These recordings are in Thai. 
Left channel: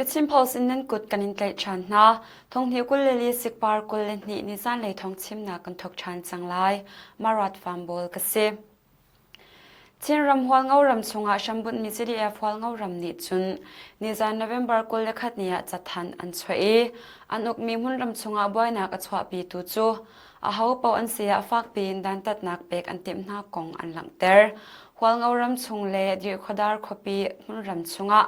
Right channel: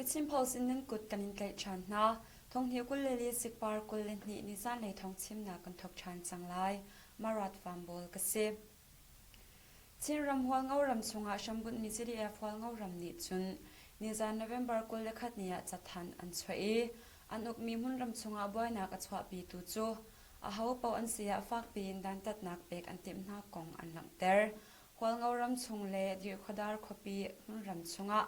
The Simples in nan kut kanin tlai chan na thong hiu kul leli Sikpar kul ni Zaanlei Thawngchimnak kan thok chan Zaanlei marat fambol kase Chin ram hwal ngau ram chunga shambut mi CDF hwal ngau ram ni chun ni Jan November kul lekhat nia chathan an chhoi an uk mi mun ram chunga boina ka chwa pi tu chu a hau pau an sia fak pin dan tat nak pek an tim na kong an lang ter hwal ngau ram chung le dir khodar khopi mun ram chunga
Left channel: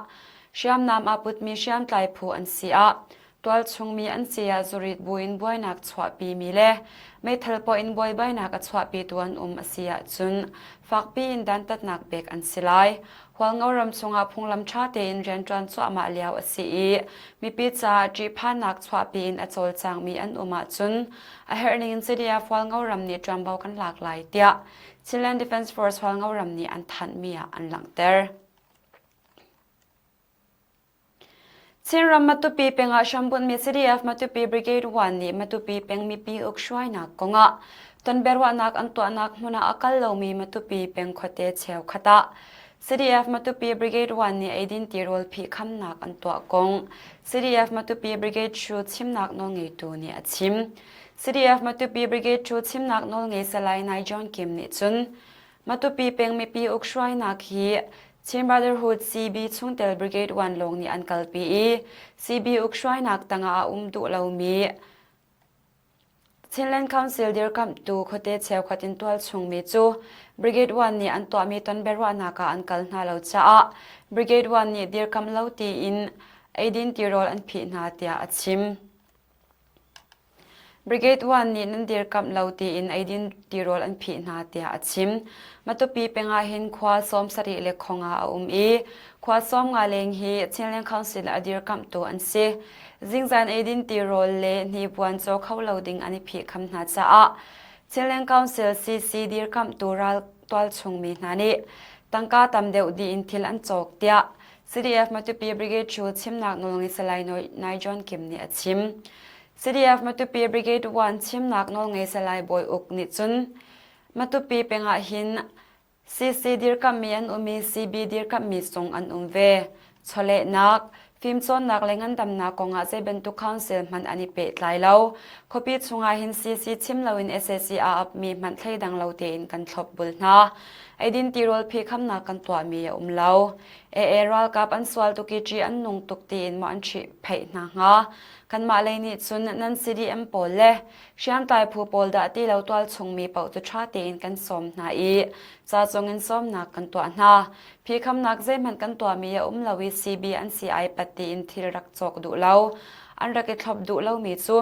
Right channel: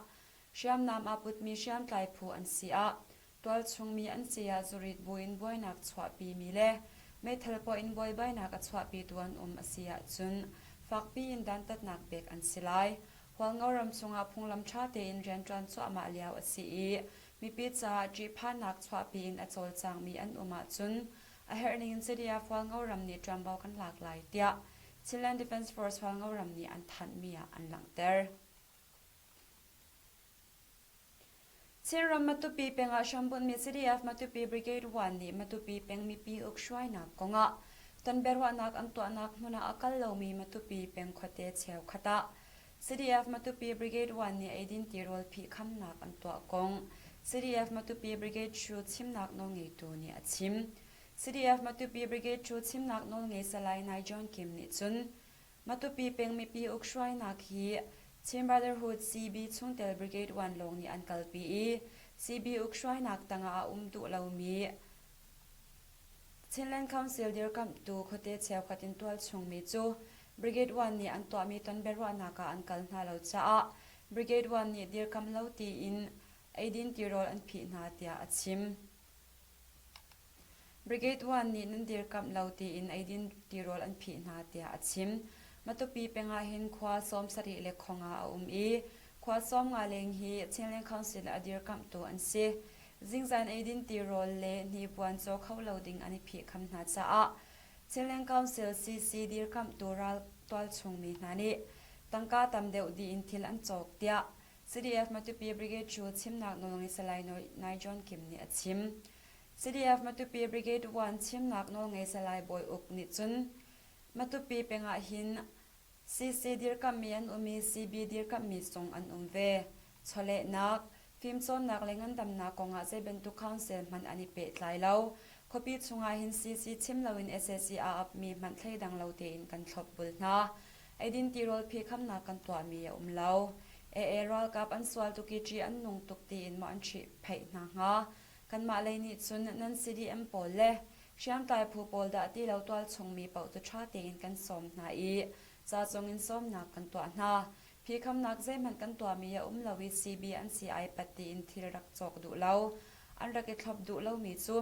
Shyam nam aput mi shyam tlai phu an sia twal chung mi an sia zurit buin boinak chwa pi mi le me thalpo in boy baina ka chwa pi tuan asia chun fakpi in dan tat nak bek an silai hwal ngauram chunga phunglam tha te in ren tran chwa ma liaw asi mi pi cha ji phan nak chwa pi in achol chang mi an chun a herning in city of hwal ngauram ni trambau kan lak lai tia Chilean Defence Force hwal ngauram ni an than mi an lang ter Chinram matupi penga shambun mi CDF matupi brigade 1 ni matupi peng mi pi ukshwai na konga ton berwa nak antwa nak muna akal lo mi matupi peng khote cheu khata CDF matupi brigade 1 ni aidin tirol phi kham nak antwa kong CDF matupi brigade 2 chimnak no ngei tu ni achim CDF matupi brigade 2 chimnak no ngei salai nai jon kim ni chun matupi peng mi pi ukshwai nak hi Chin Brotherhood CB Chungtel Brigade 1 long ni an kalpi CB ukshwai nak tanga du lo mi Chinland Council dir kam tu khote cheu khatin twal chung mi chu Brigade 1 ni an to mi ton berwa naka an kal na lo cha Brigade 1 ni dir kam lo ti in aidin tirol an phi na tia achim Brigade 1 ni nan dir kam lo ti in aidin tirol an phi na tia achim matupi penga hin khwa som sari le khonga khwa som nga leng hi Chilean Council adir kam to an se jingzan aidin tirol le ni puan cho khawloading ani phi kham na cha a Chilean Council CC dir kam to ral twal chung mi nani tangka tamdeu di in thil an chok tia CDF matupi brigade 2 chimnak nolngi salai nai jon kim ni achim CDF matupi brigade 1 chimnak nolngi salai boy uk ni chun matupi penga hin CC dir kam mi an umi CB dir kam mi song an ve chole nak film chon nak lengan dam na konga se bentu council man ani pe tlai lo khopi chunga hin CC chimlo in SSC a up mi man thlei dang lo te in kan thlop bul na aidin tirol phi kham na kan twa mi lo e ral kap an swal tu ki chi an nung tuk te in ma an chi phei na nga kan ma le ni chun nan CDM pol le Shyam tai phu pol da ti lo twal chung mi pau tu tha te in kan som na cha chong in som na kan twa na phi kham nak zai man kan twa mi lawi CB an CI pati in thil rak chok du lo an rak thlop du lo mi chu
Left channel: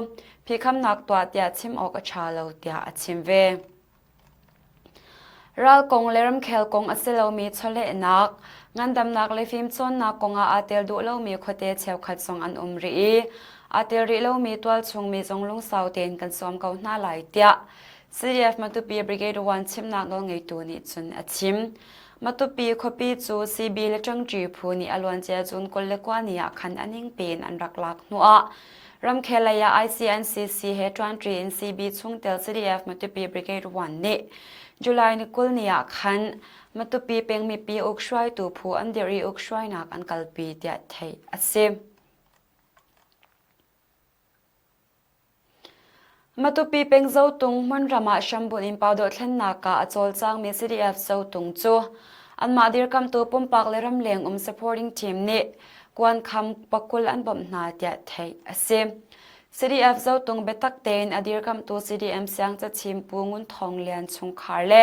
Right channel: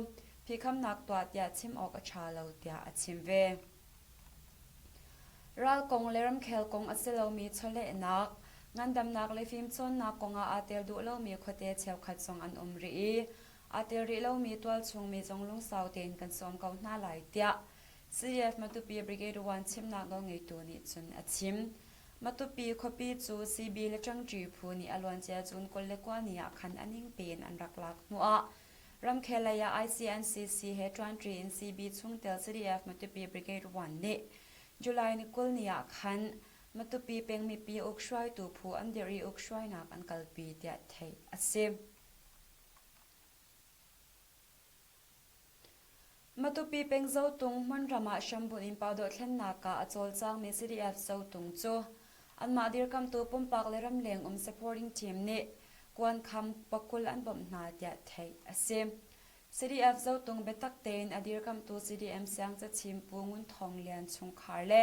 phi kham nak twa tia chim ok a tha lo tia achim ve ral kong leram khel kong aselo mi chole nak ngandam nak le film chon na konga atel du lo mi khote cheu khat song an ri atel ri lo mi twal chung mi zonglung sauten kan som ko na lai tia CDF matupi brigade 1 chimnak no ngei tu ni chun achim matupi khopi chu CB le changji phu ni alwan che chun kol le kwa ni a khan aning pen an rak lak nu a ram khelaya ICNCC he tran in CB chungtel CDF matupi brigade 1 ni July ni kul ni a khan matupi peng mi pi ukshwai tu phu an deri ukshwai nak an kalpi tia thei asim matupi peng zo tung man rama shambun in pawdo thlen naka achol chang mi CDF zo tung chu an ma dir kam tu pumpak le ram leng supporting team ni kwan kham pakul an bom na tia thei asim CDF zo tung betak ten adir kam tu CDM sang cha chim pungun thong lian chung khar le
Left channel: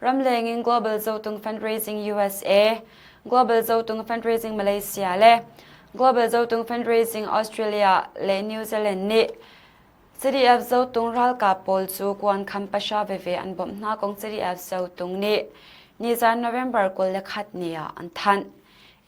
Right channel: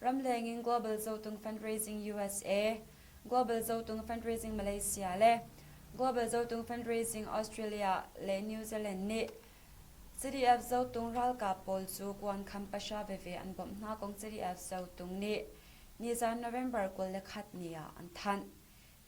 ram leng in global zo tung fundraising USA global zo tung fundraising Malaysia le global zo tung fundraising Australia le New Zealand ni CDF zo tung ral ka pol chu kwan kham pasha ve an bom na kong CDF zo tung ni Jan November kol le khat nia an than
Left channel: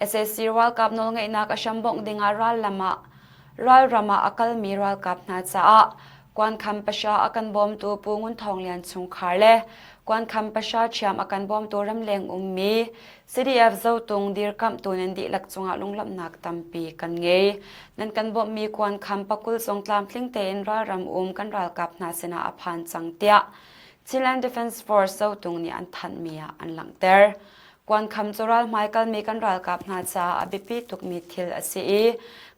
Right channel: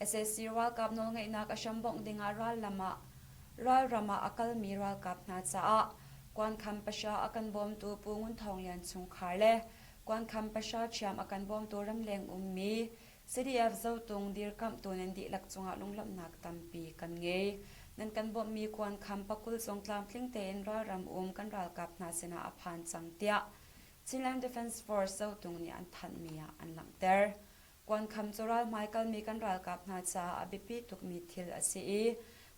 SSC World Cup nol ngai na ka shambong dinga ral rama akal mi ral kap na cha kwan kham pasha akan bom tu pungun thong lian chung khar le kwan kham pasha chiam akan bom to ram leng mi CDF zo tung dir kam tu nen di lak chunga lunglam nak tampi kan nge nan kan bom mi kwan kham pakul song tlam tling te in ra ram kan ral kap na sena aphan chang tia Chilean Defence Force zo tung ni an than mi an lang ter กวนคำจุรัลไมเคิลมีกันรัลกับนาจาอบิปีตุกมีทิลอสี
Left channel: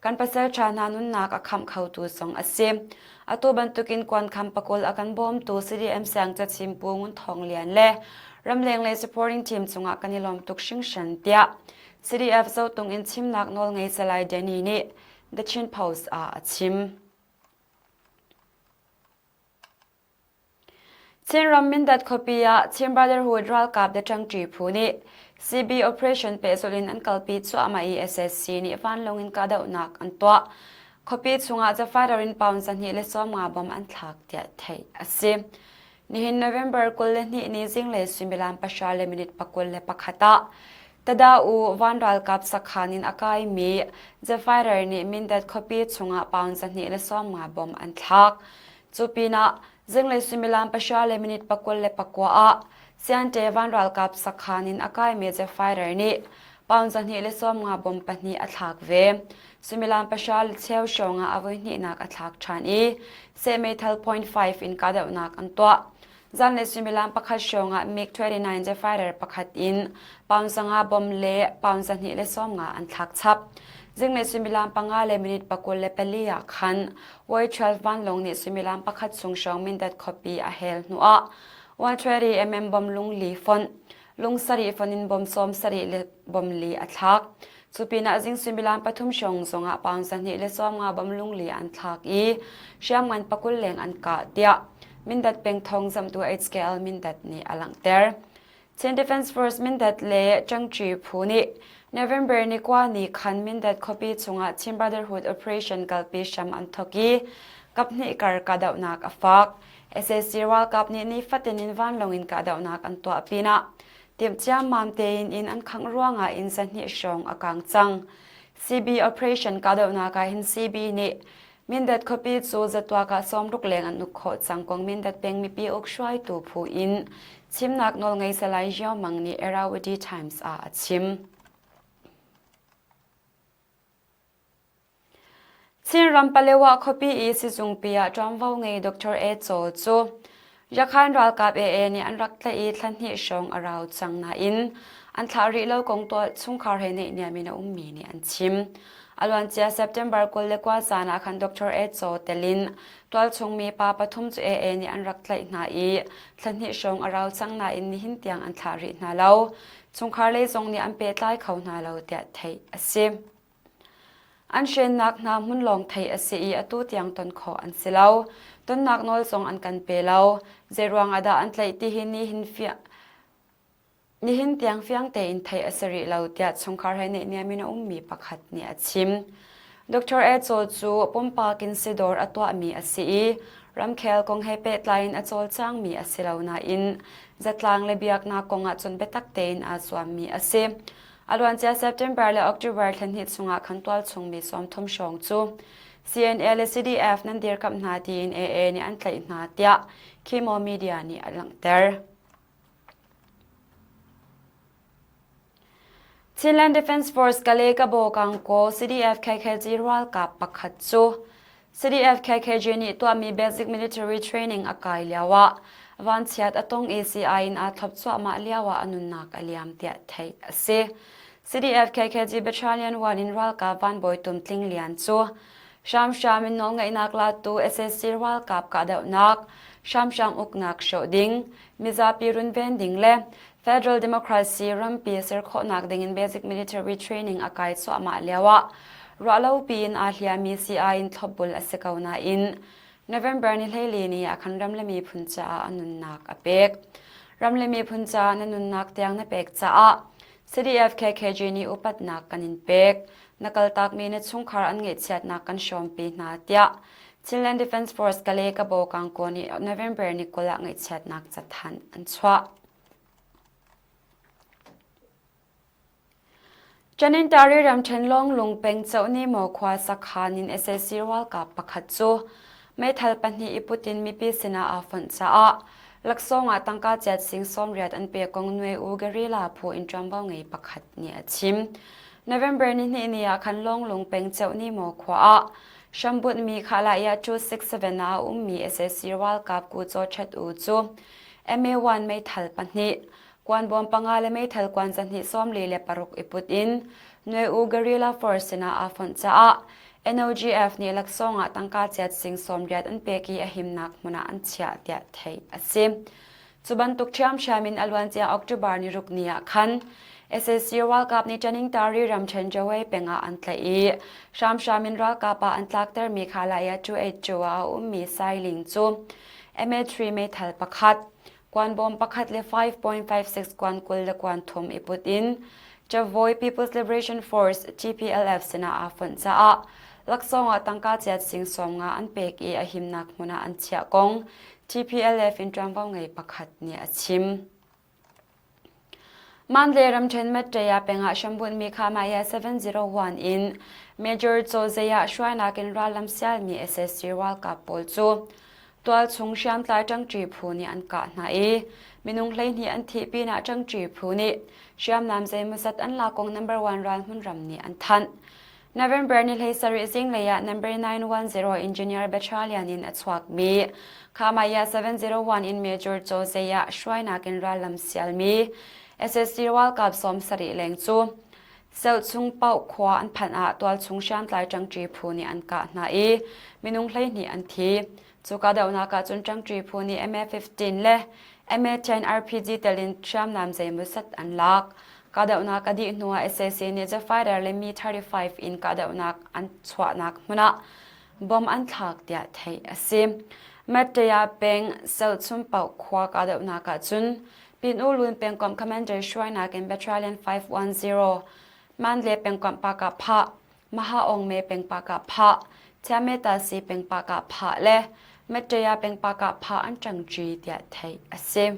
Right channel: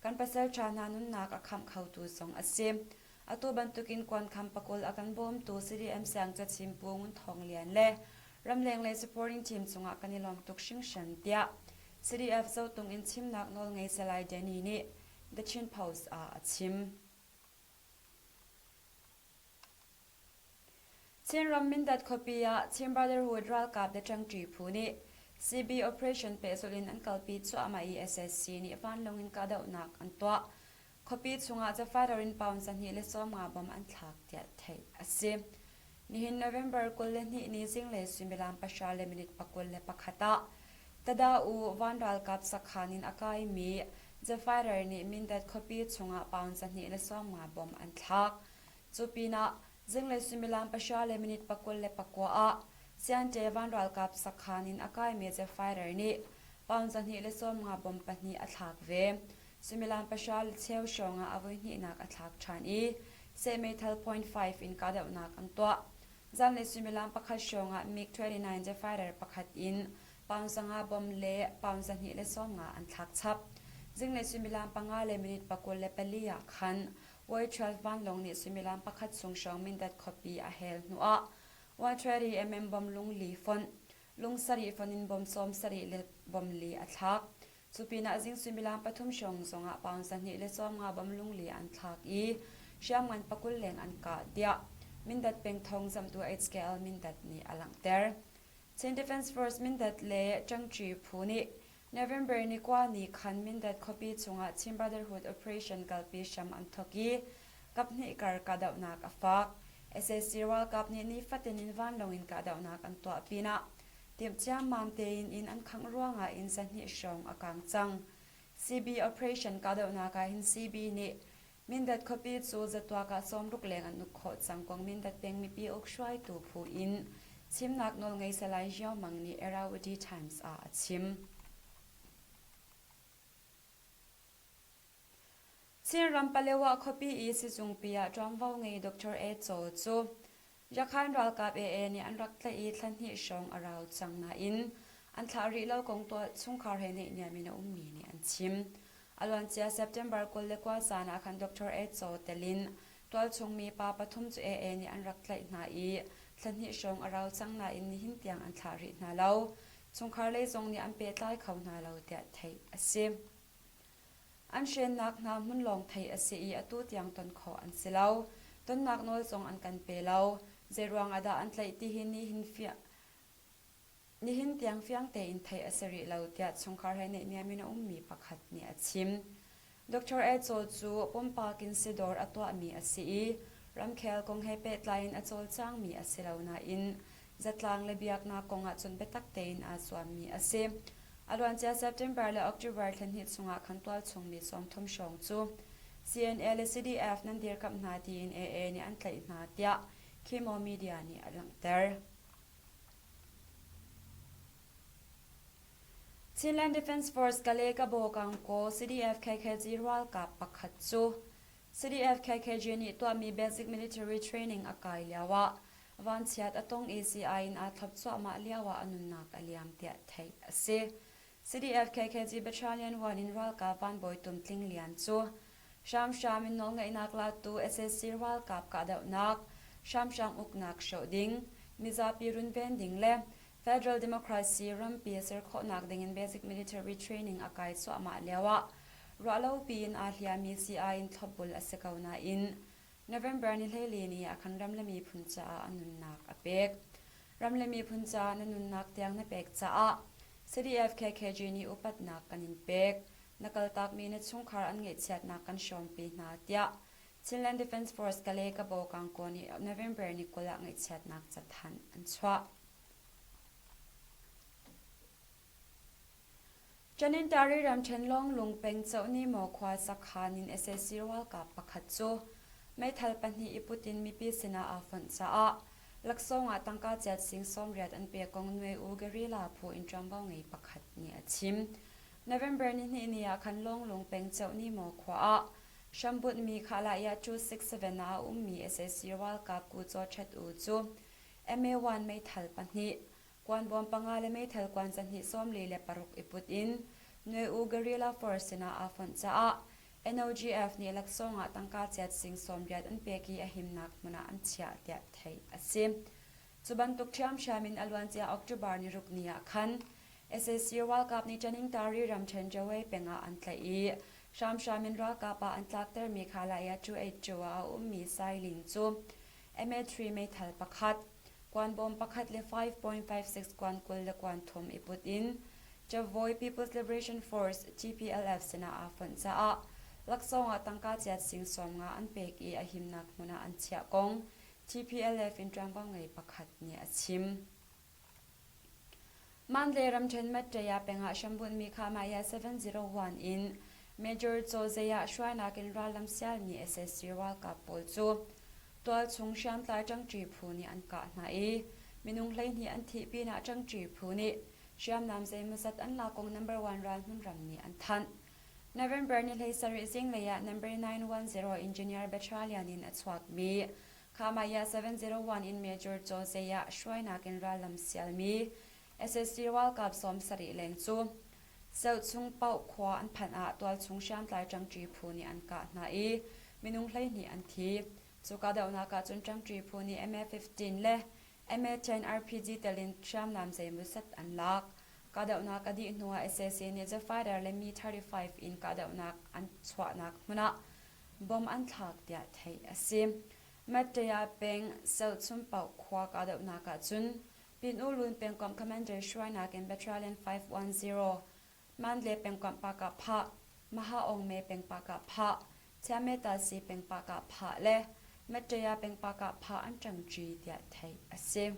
กันปัสเซอร์ชานานุนนักคำเข้าตูสองอสีอตัวบรรทุกินกวนคำปะกลอากันบ่มตัว CDM เสียงจัดชิมปูงุนทองเลียนเล่รำเลงเลย supporting team จงอากันนิลอมตุกชิงชันเตีย CDF เจ้าตรงอินชิมนักนอลไงสลายเดนีนี่ The Chin Post ชิมชินรำมินดัดคบียชิน Brotherhood รัลกับเดจังจีพูนี่ CB Operation เปสุลินอันกัลปีชัวมา SSC นี่ฟันลงอินกาดาวนักอันตัวคบีชงอาจะฟาดรินปาวน์สันนิเลสวมงาบอมอันทักเดียไทยอาศินี่หิน November กุลเลนี่นี่จิงเลสุมิลานปัชาเลมินิตปักุลเลปักขตาแต่ดาอูวันรัลกับสักขานินอากายมีจะฟาดรินนี่มินดัดคบีชงอาปาวน์สันนิเลสวมงาบอมอันทักจูปีน่าจิงเลสุมิลานปัชาเลมินิตปักุลเลปักวาเซียนเจวันรัลกับสักขานินอากายมีจะฟาดรินนี่ปาวน์สันนิเลสวมงาบอมปันนี่อัทักเวสุมิลานประชาลเชลชงอาวุธนี่นักอัฐักชันอีเซเมทัล0.5 อินกาเดวนักอันตัวจันเลสุมิลานประคัดชงอามิก29จะไฟเดอร์ประคัดอินปาวสังอาบอมเล่ปาวสันนี่เลสอมงาอันทักชับจึงเลสุมิลานปังอาเลมินิตปะกุลเลเปลียขันวัย12วันลงนี่สุมิลานประคัดชงชงมินดัดคอปีอาเฮลนัววัน20 บอมลุงลีฟอนลุงสรีฟอนินบอมซอมสรีเลบอมลีอัทักสุปีนาจิงสุมิลานปฐุมชงสงอาปาวสันนิเลสอมงาบำลุงลีอันทักอีเชียงมันปะกุลเลงอันกาเดียมินดัดเป็งทองจำตัว HKL มินดัดนี่อลังเตอร์เชน Defense Force มินดัดเลจังจีพูนี่ November นี่กว่านี่คันมินดัดคอปีชงอาชิม Brotherhood Operation กัลปีชัมอันทกีกับนี่การกาดาวนักอฟัก SSC รัลกับนี่ฟัดนินวันลงอินกาดาวนักอันตัวปีน่ะเตรียมจ้ามามเตอินอันขังร่วงอินสันนิชงอากางจัง CB Operation กาเดวนาการหิน CB นี่มินดัดคบีจูจะตัวกาซ้อมลูกเลงอันนุขดสังกงมินดัดเป็งมีปีอกช่วยตูผู้อินชิมนักนอลไงสลายเจียวมังนี่ Erawadi Times ชิมชินรำปะเลวะคบีอีสิจุงปียจอมว่าไงดรเอโจจูยาคันรัลกับนี่อันรักเลยทันที่ชงอราวจังนาอินอันทาริโลกงตัวชุงคาร์เฮเนเนี่ยมีนามีนี่อันชิมอลวันเจีย September กุลเลกว่าจานาคันดรเอโจเตลินตัวชงมีปาปทุมจูนี่อันรักเลยนาอีทันที่ชงอราวจังนาอินนี่หินเตียงอันทารินาเลาชุงคาร์เลยจงนี่อันเปิดไล่เขานาเลาเดียไทยอสิอันเชนนักนามุนลองไทยอสิอตุเตียงตนขออันสิเลาต้นนักนอลทรงอันกันเปล่าเจรวงอาดาอันไลที่หินนี่หินเฟียนี่หินเตียงเฟียงเตอินไทยอสริเราเดียดสงครามเนี่ยมีน้องมีปักหัดเนี่ยชิมดรเอโจจูปมปากินซิดอร์อตัวมีอสีรำเคลกงให้เป็ดไลน์อโจลจ้างมีอสิเลานาอินจัดลางเลเบียกนากงอาจนเบตักเตนอาสวามีอสีอลวันเจ้า September และ October ทันหิดสงอาคันตัวชงมีสวมทมชงจู CNL และ CDF นั้นเดียร์กับนาดีนนี่อันไลนาเตียคีโมมีเดียนี่อลังเตอร์ชินแลนด์ Defense Force กะเลกะโบกังโก CDF KKG รัลกับปักขัดจู CDF KKG นี่ตัวมี Basic Military Training อากาศเลียวะวันเชียดอตง ACI อินอาทับชัวมาเลียวะอนุนักอเลียมเตียไทยเซ CDF KKG Battalion 1 in รัลกับวันบอยตุมทลิงเลียนจูชามมินน้องไงนักลาตู SSC รัลกับกาเดวนักชามอุกนักโชดิงมิซาปีรุนเวนดิงเล่ Federal Democracy รัมปีเซอร์โคนักดิง in Basic Military Training อากาศสวมาเลียวะรัลปีนอาเลียมี CI อินทบบุลอเซกาวนาอิน November นี่เลยลีนี่คันรำเลมีพุนจาอนุนักอเปกรำเลมีพุนจาอนุนักเตียงนเปกจ้า CDF KKG นี่อุปัตนักกันอินเปกนักตักมีในชุงคาร์อันเงิดเสียดนักกันชมปีนาเตียชินแลนด์ Defense Force กะเลกะโบกังโกนี่ November นี่กุละเงิดเสียดนักจัดทันอันชัวจันนินตารีรำเชนลงลุงเป็งเจ้านี่หมอควาสักขานิน SSC รัลกับปักขัดจูไม่ทัลปันนี่อิปุตินมีปีสินาอาฟันจ้าลักษณะตั้งกาเจ็ดสิงสมเรียดอันเปียกงนวยอูกริลาผู้อินจอมบ้างไงปักขัดเนี่ยชิม November นี่คันลงลุงเป็งเจ้านี่หมอควาชัมบุตมีขาลายาจู67นามี SSC รัลกับกูโจชัดอูจู MA1 ไม่ทัลปันนี่ กวนบอมปังอาเลไม่ทัลกวนจันทิซ้อมลีเลปารุกอิปุดอินหน่วยอูกริลาฟอร์สนาอาฟอนจ้า NOGF นี่ลักษณะตั้งการจัดสิงสมเรียดอันเปกีอหิมนักมุนาอันเชียเดียไทยอาศิมจุบันตุกเชื่อมชามินอลวันเจียออกตุบาร์นิรุกเนียคัน SSC วัลกับนิจันิงตารีรำเชนจวยเป็นอันไทยชามชามินรัลกับอันลักเตอร์มีขาลายจูเอจัวมีไซลิงจู MA3 ไม่ทัลประคัดกวนบอมประคัดเล 5.56 กวนกุลและกวนทมอิปุตินจะ Voi People's Liberation Force GPLF สนาอาฟอนจ้าลักษณะตั้งการจัดสิงสมงาอันเปกีอหิมนักมุนาอันเชียกง GPLF อินทรัมวังไงประคัดเนี่ยชิมมันเลรำเชนเมตยาเป็นอาชมบุญมีขามายา701 in Major โจเซียช่วยนักเรียนรัลำเซียมี SSC วัลกับปูจูตัวชงเชียมตายจังจีพูนี่อันกาหนามีนุ่งเลยนี่อันที่ปีน่าจังจีพูนี่เชียมนำใจมุสัตอันลากง number 1 รันหุ่นรำนี่อันทันNovember นี่เลยสริสิงเลยะ number 910 engineer battalion in อัศวกมีขามายา701 in Major โจเซียช่วยนักเรียนรัลำเซียมี SSC วัลกับสมสริเลงจูเซลชุงเป้าขวาอันพันอาตัวชงเชียมตายจังจีพูนี่อันกาหนามีนุ่งเลยนี่อันที่จุกาเดานักจุนจังจีพูนี่ MA15 เล่ MA10 RPG เตลินเชื่อมนำใจมุสัตอันลักกาเดานักดีนัว SSC นี่จะไฟเดอร์เลมี35 in กาเดานักอันสวานักมุนะบอมอันทักเดียไทยอาศิมเมตยาเป็นเซลชุมเป่าขวากาเดานักจุนปินอูลุนเป็นกอมคอมมานเดอร์ช่วยนัก in Battalion 510มันเลเป็นกอมปากาพะมหาองเมเป็นปากาพะเชเมตาซีเป็นปากาพะเล่เมตยาเป็นปากาพาอันจังจีเดียไทยอาศิม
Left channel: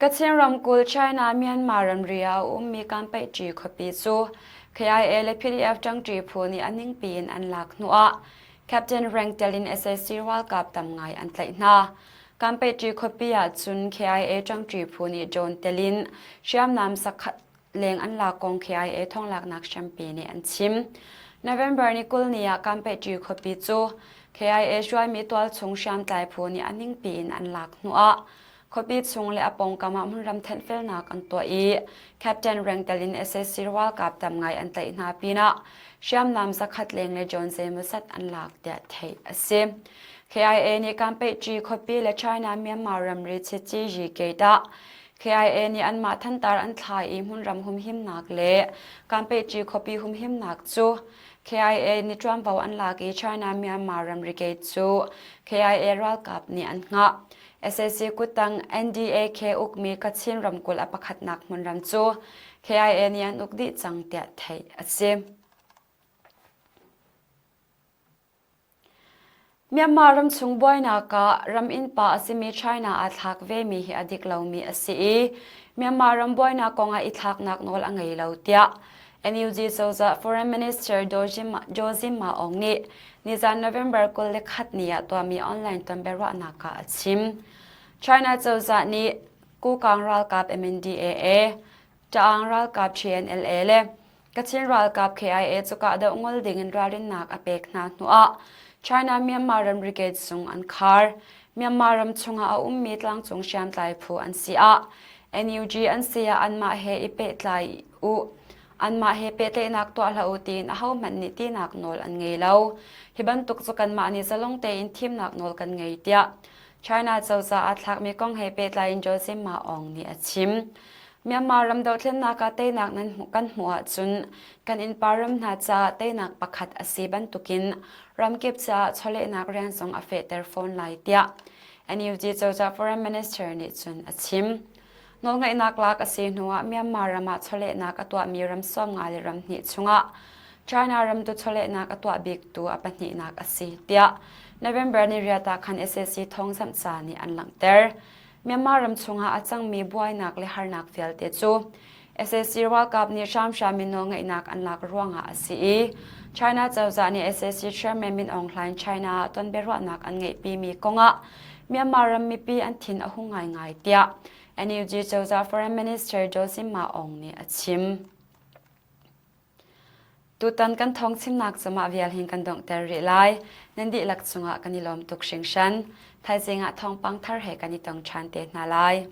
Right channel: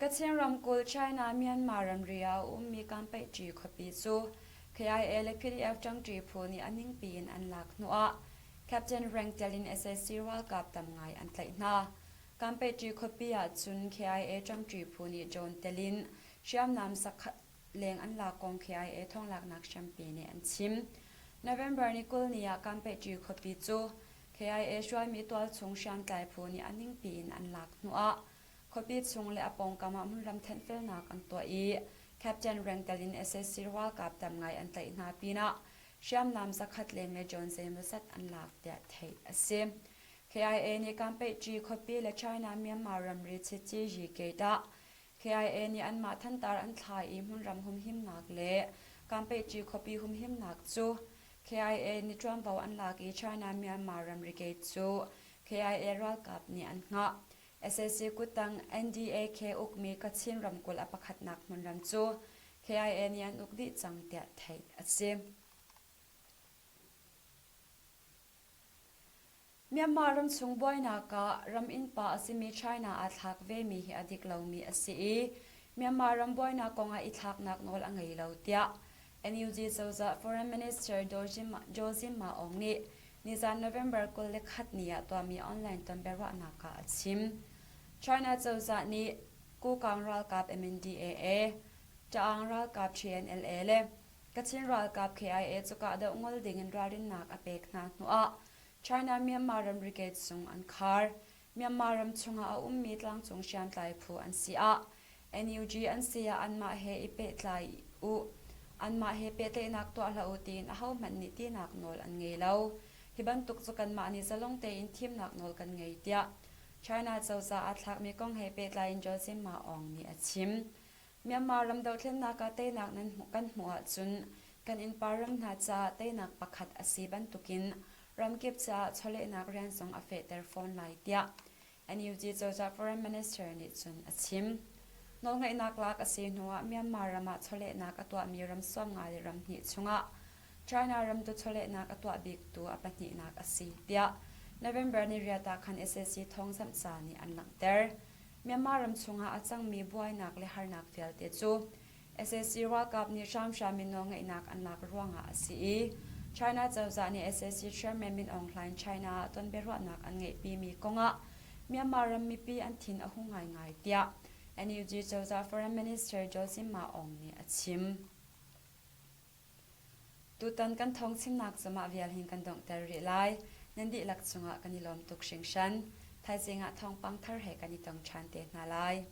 กัจเชนรำกุลไชน่าเมียนมารัมเรียมีการไปจีขปีจู KIA และ PDF จังจีพูนี่อันนิ่งปีนอันหลักนัวแคปเทนแรงเตลิน SSC วัลกับตำไงอันไตนาการไปจีขปีอาจุน KIA จังจีพูนี่โจนเตลินเชื่อมนำสักเลงอันหลักกง KIA ท่องหลักนักแชมเปี้ยนอันชิมNovember นี่กุลนี่การไปจีขปีจู KIA ช่วยมีตัวชงเชียมตายพูนี่อันนิ่งปีนอันหลักนัวขปีชงและอปงกามามุนรำเทนเฟลนักอันตัวแคปเทนแรงเตลิน SSC วัลกับตำไงอันไตนาปีนะเชื่อมนำสักขัดเลงและจนเซมุสัตอันหลักเดียไทยอาศิม KIA นี่การไปจีขปีและไชน่าเมียนมารัมริชจีจีเกตาKIA นี่อันมาทันตาอันทายมุนรำหุมหิมนักเละการไปจีขปีหุมหิมนักจูKIA นี่จวมเบาอันลากีไชน่าเมียนมารัมริเกจู KIA รัลกับนี่อันงะ SSC กุตัง NDAK อุกมีกัดชินรำกุลอปขัดนักมุนรำจู KIA นี่อันอุกดิจังเตียไทยอาศิมเมียนมารำชุงบอยนักรำอินป่าสิมีไชน่าอัตลักเวมีฮิอดิกเหลามีอาศิเมียนมารำบอยนักกงอิทักนักนอลอังไงเหลาเตียNUG โซซา Foreign Minister โจซิมาองนี่นิจาน November กุลเลขัดนี่ตัวมีออนไลน์ตันเบรนักชิม China โซซานี่กูกังรัลกับ MNDAA จางรัลกับ CNLA เล่กัจฉินรัลกับ KIA จุกะเดงอลดิ่งรัลินนักอเปกนาหนัว China เมียนมารัมริเกตซุงอันคาร์เมียนมารัมชงอามีตลังจงเชียมไตผู้อันเสีย NUG อันเสียอันมาเฮอิเปตไลอันมาเฮเปเตนักตัวลาอุตีนเขามันนิตีนักนอลอันไงเล่าฮิบันตุกจุกันมานี่จะลงเตอินทีมนักนอลกันไงเดีย China เจ้าจะอัตลักมีกองเฮเปตไลน์โจซิมาอองนี่ชิมเมียนมารำดาวเทนนักเตนักนั้นกันหัวจุนกันอินปารำนาจะเตนักประคัดอสีบันตุกินรำเก็บจะชเลนักเรียนส่งอเฟเตอร์โฟนไลเดียอันนี้จีเจ้าจะ Foreign Minister นี่จุนชิมนอกจากนักลักษีนัวเมียนมารำมาชเลนักตัวมีรำซ้อมงานรำนิชงะ China รำตัวชเลนักตัวบิ๊กตัวปัญญานักสีเดีย November นี่เรียตาคัน SSC ท้องสัมสานี่อันหลังเตอร์เมียนมารำชงอาจังมีบวยนักเลหานักเฟลเตจู SSC วัลกับนี่ชามชามินงนักอันหลักร่วงอาสี China เจ้าจานี่ SSC Chairman มินออนไลน์ China ตอนเบรวนักอันไงปีมีกงะเมียนมารำมีปีอันทินอหุงไงไงเดียNUG เจ้าจะ Foreign Minister โจซิมาองนี่ชิม tu tan kan Thawngchimnak chama vial hin kan dong ter ri lai nan di lak chunga kanilom tuk hring shan thai zenga thawng pang thar he kanitong than te na lai